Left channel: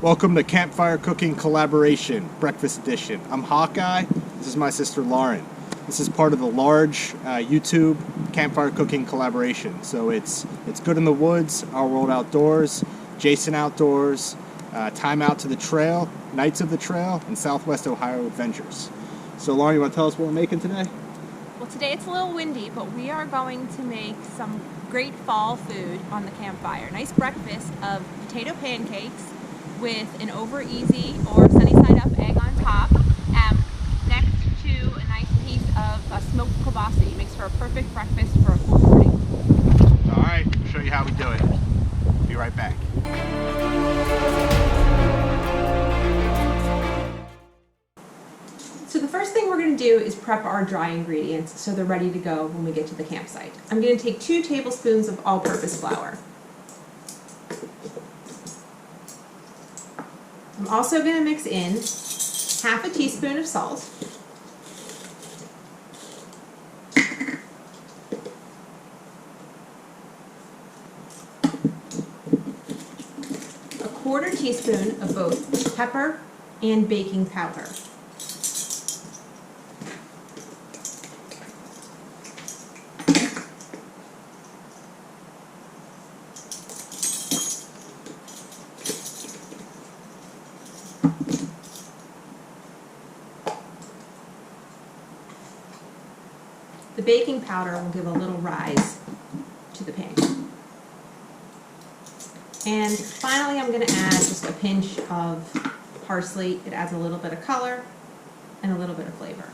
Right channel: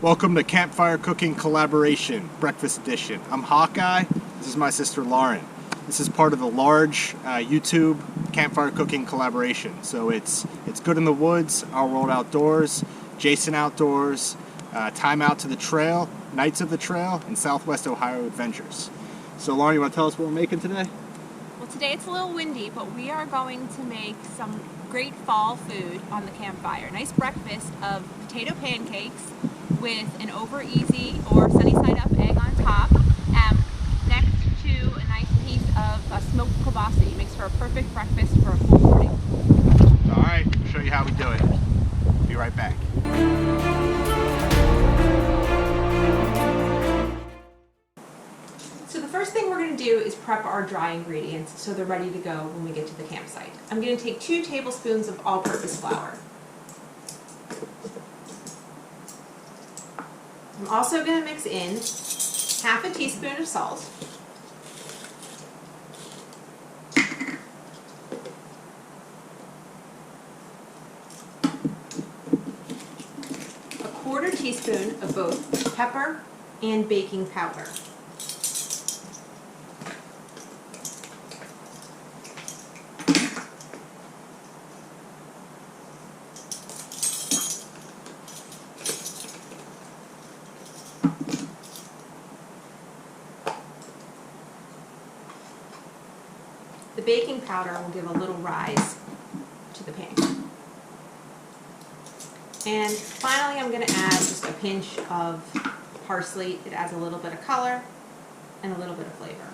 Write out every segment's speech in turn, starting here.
Welcome to Campfire Cooking Collaboration, Breakfast Edition. I'm Hawkeye. This is my sister Lauren. This is part of the large YouTube Campfire Cooking Collaboration. So it's Good in the Woods, Our World Outdoors, Jason Outdoors, Time Out to the Trail, Nights of the Trail, and Southwest Ohio Adventures. So Lauren, you want to tell us what we're making today? Well, today it's a little windy, but we are going to make some great fall food on the campfire. Nice breakfast of potato pancakes with an over easy or sunny side up egg on top, next to a nice piece of smoked kielbasa. Makes for a perfect breakfast for a cool morning. All right, we'll show you how we do it. Be right back. So the first thing we're going to do is prep our dry ingredients so they're ready to go when we get to the campsite. I'm going to take 2 tablespoons of all-purpose flour. I'm also going to mix in half a teaspoon of salt, a 1/4 teaspoon of both pepper and baking powder. The baking powder will give a little rise to the pancake. And finally, I'm going to add just a pinch of parsley. It adds a little bit of color and a little bit of flavor.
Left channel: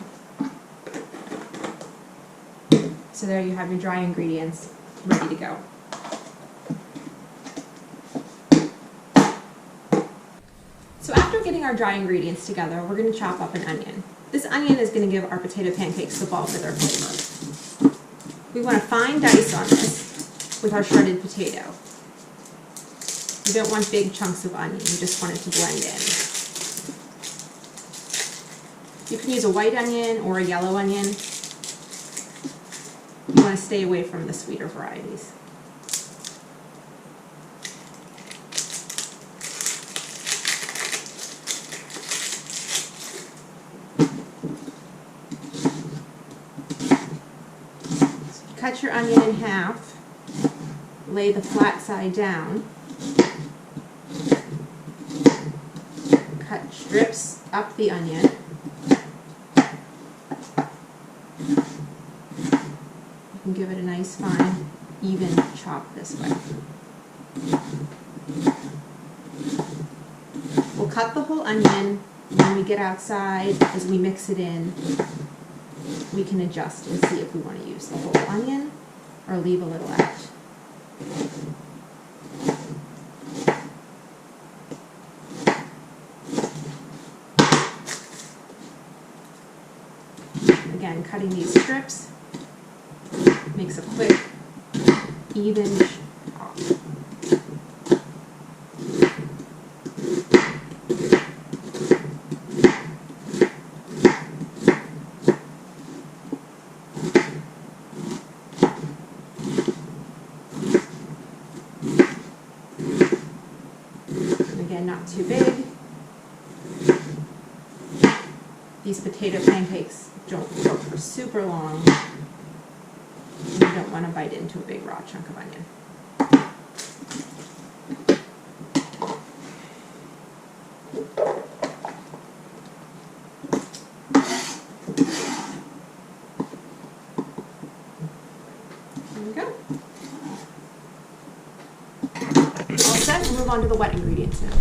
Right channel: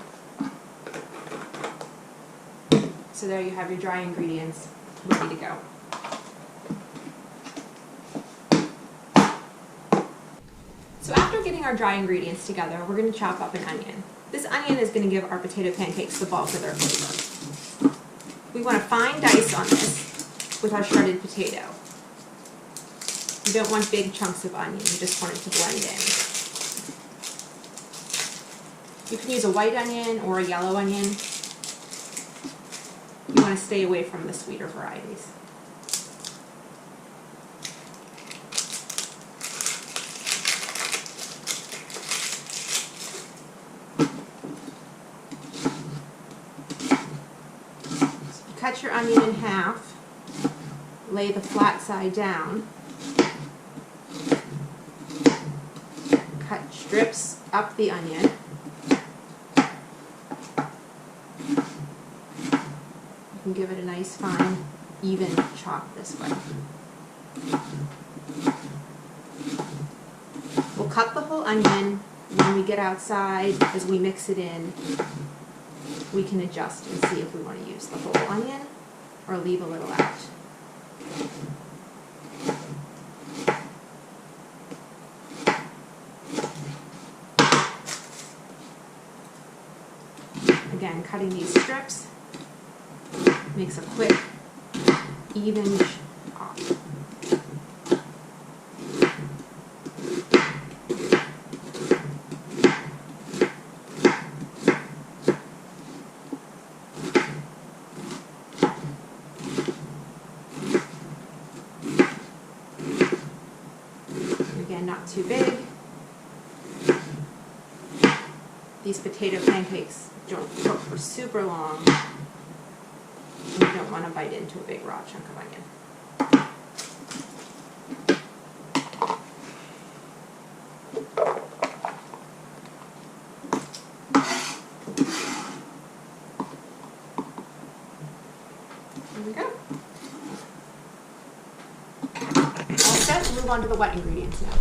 So there you have your dry ingredients ready to go. So after getting our dry ingredients together, we're going to chop up an onion. This onion is going to give our potato pancakes the bulk of their flavor. We want a fine dice on this with our shredded potato. You don't want big chunks of onion, you just want it to blend in. You can use a white onion or a yellow onion. You want to stay away from the sweeter varieties. Cut your onion in half, lay the flat side down, cut strips up the onion, you can give it a nice fine, even chop this way. We'll cut the whole onion. When we get outside, as we mix it in, we can adjust and see if we want to use the whole onion or leave a little out. Again, cutting these strips makes a quick, even chop. Again, not too big. These potato pancakes don't cook for super long, and you don't want to bite into a big raw chunk of onion. There we go. All set, we'll move on to the wet ingredients now.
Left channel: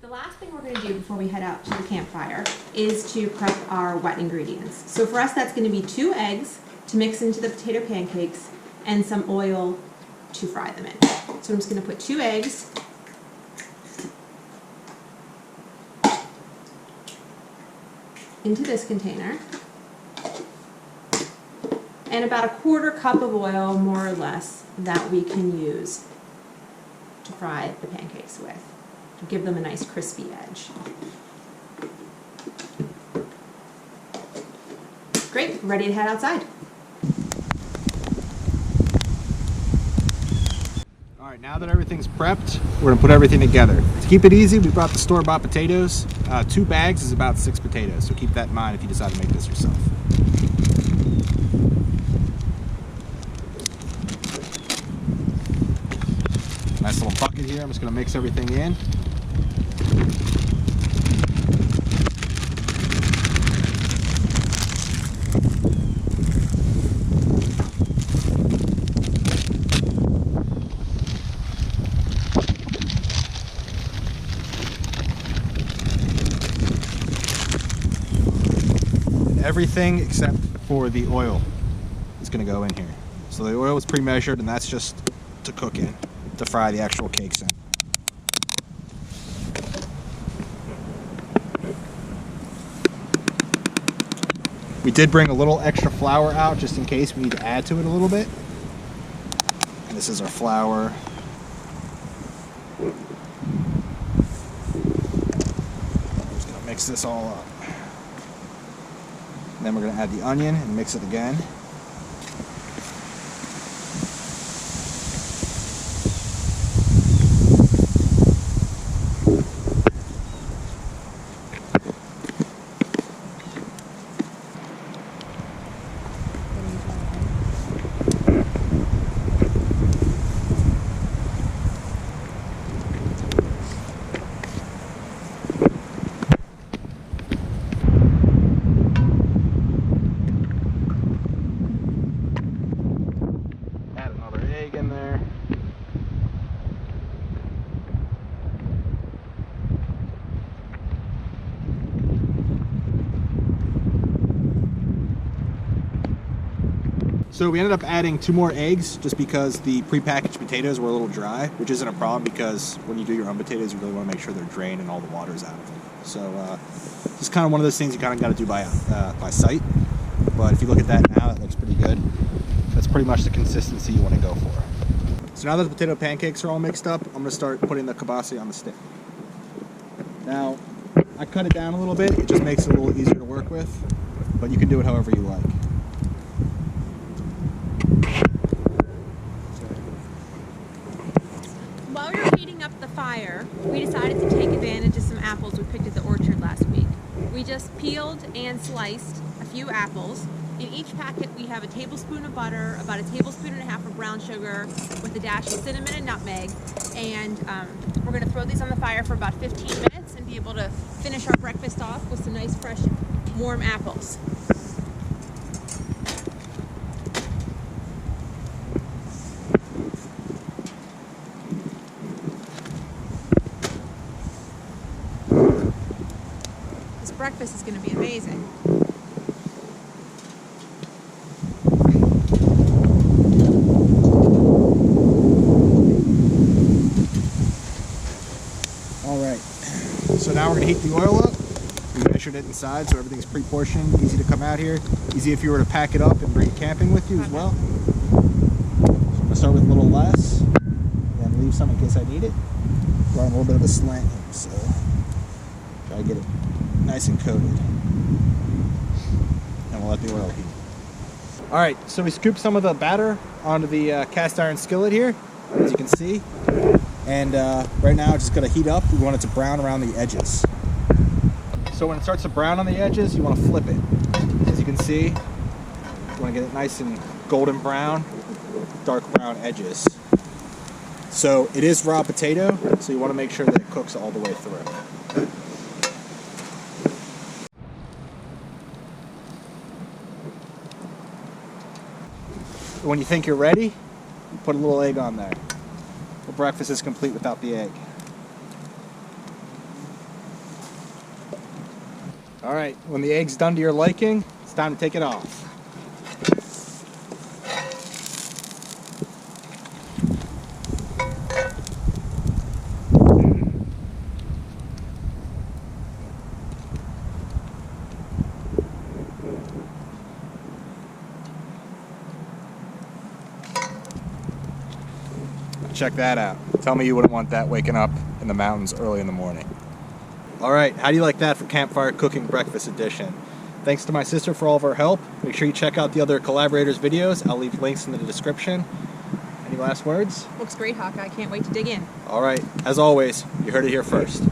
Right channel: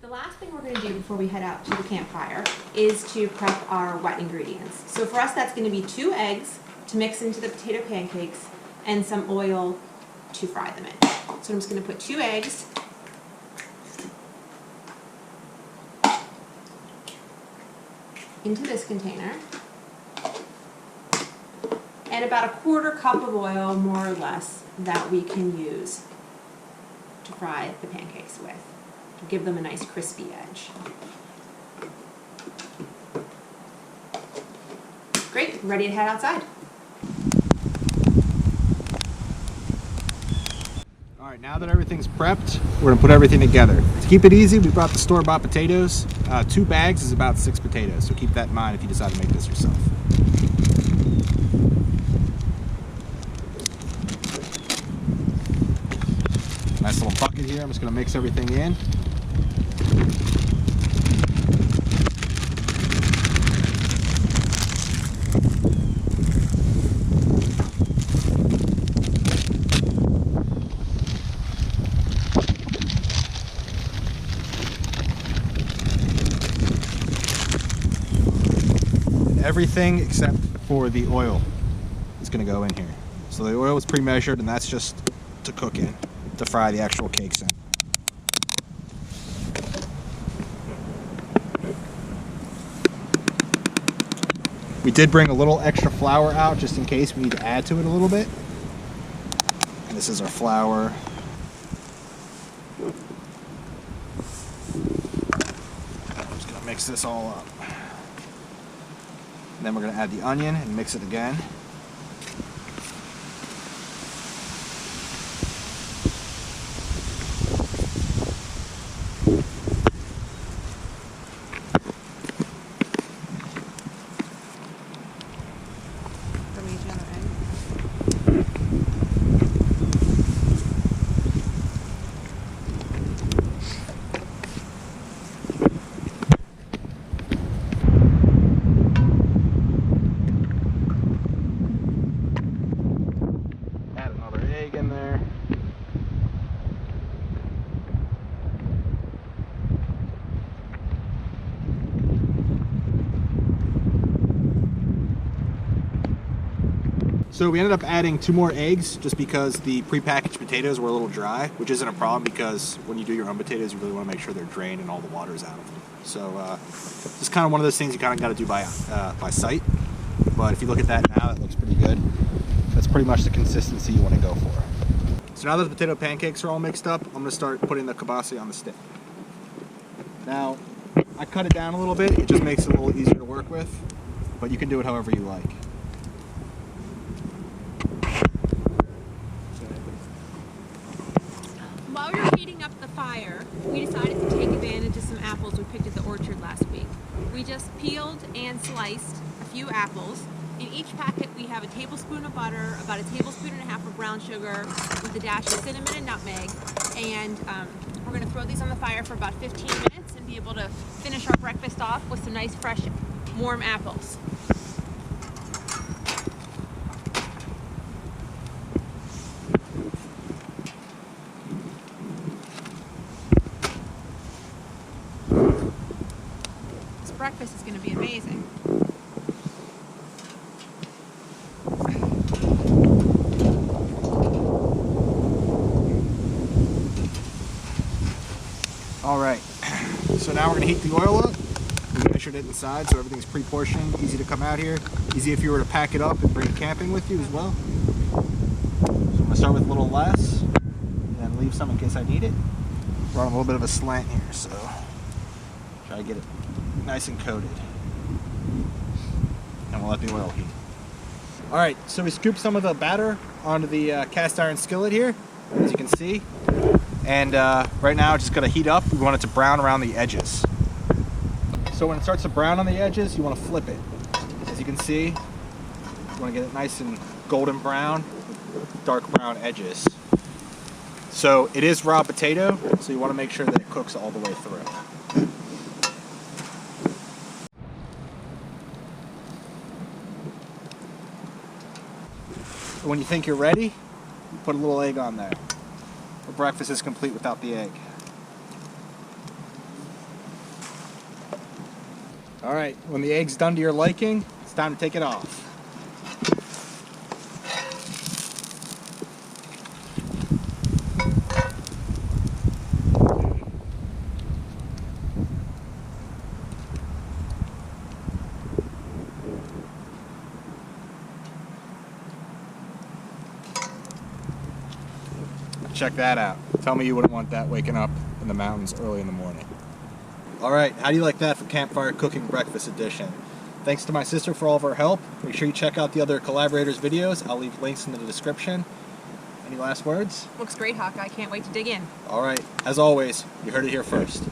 The last thing we're going to do before we head out to the campfire is to prep our wet ingredients. So for us, that's going to be 2 eggs to mix into the potato pancakes and some oil to fry them in. So I'm just going to put 2 eggs into this container and about a 1/4 cup of oil, more or less, that we can use to fry the pancakes with, to give them a nice crispy edge. Great, ready to head outside. All right, Alright, now that everything's prepped, we're going to put everything together. To keep it easy, we brought the store-bought potatoes. 2 bags is about 6 potatoes, so keep that in mind if you decide to make this yourself. Nice little bucket here. I'm just going to mix everything in. Everything except for the oil is going to go in here. So the oil is pre-measured, and that's just to cook in, to fry the actual cakes in. We did bring a little extra flour out just in case we need to add to it a little bit. And this is our flour. I'm just going to mix this all up. Then we're going to add the onion and mix it again. In there. So we ended up adding 2 more eggs just because the prepackaged potatoes were a little dry, which isn't a problem because when you do your own potatoes, you really want to make sure they're drained and all the water's out of them. So it's kind of one of those things you kind of got to do by sight. But if you look at that now, it looks pretty good. That's pretty much the consistency you want to go for. So now that the potato pancakes are all mixed up, I'm going to start putting the kielbasa on the stick. Now, I cut it down a little bit. It just makes it a little easier to work with, but you can do it however you like. While we were heating up the fire, we decided to take advantage of some apples we picked at the orchard last week. We just peeled and sliced a few apples. In each packet we have a tablespoon of butter, about a tablespoon and a half of brown sugar with a dash of cinnamon and nutmeg, and we're going to throw these on the fire for about 15 minutes and be able to finish our breakfast off with some nice fresh warm apples. This breakfast is going to be amazing. Alright, so now we're going to heat the oil up. We measured it inside so everything's pre-portioned, easy to come out here. Easy if you were to pack it up and bring it camping with you as well. So I'm going to start with a little less, and then leave some in case I need it. We're on a little bit of a slant here, so try to get it nice and coated. And we'll let the oil heat. Alright, so we scooped some of the batter onto the cast iron skillet here, as you can see. And right now it's just going to heat up. We want it to brown around the edges. So when it starts to brown on the edges, you want to flip it. As you can see, you want to get it nice and golden brown with dark brown edges. So it is raw potato, so you want to make sure that it cooks all the way through. When you think you're ready, you put a little egg on there. The breakfast is complete without the egg. Alright, when the egg's done to your liking, it's time to take it off. Check that out. Tell me you wouldn't want that waking up in the mountains early in the morning. Alright, how do you like that for Campfire Cooking Breakfast Edition? Thanks to my sister for all of her help. Make sure you check out the other collaborators' videos. I'll leave links in the description. Any last words? Looks great, Hawkeye. I can't wait to dig in. All right. As always, you heard it here first.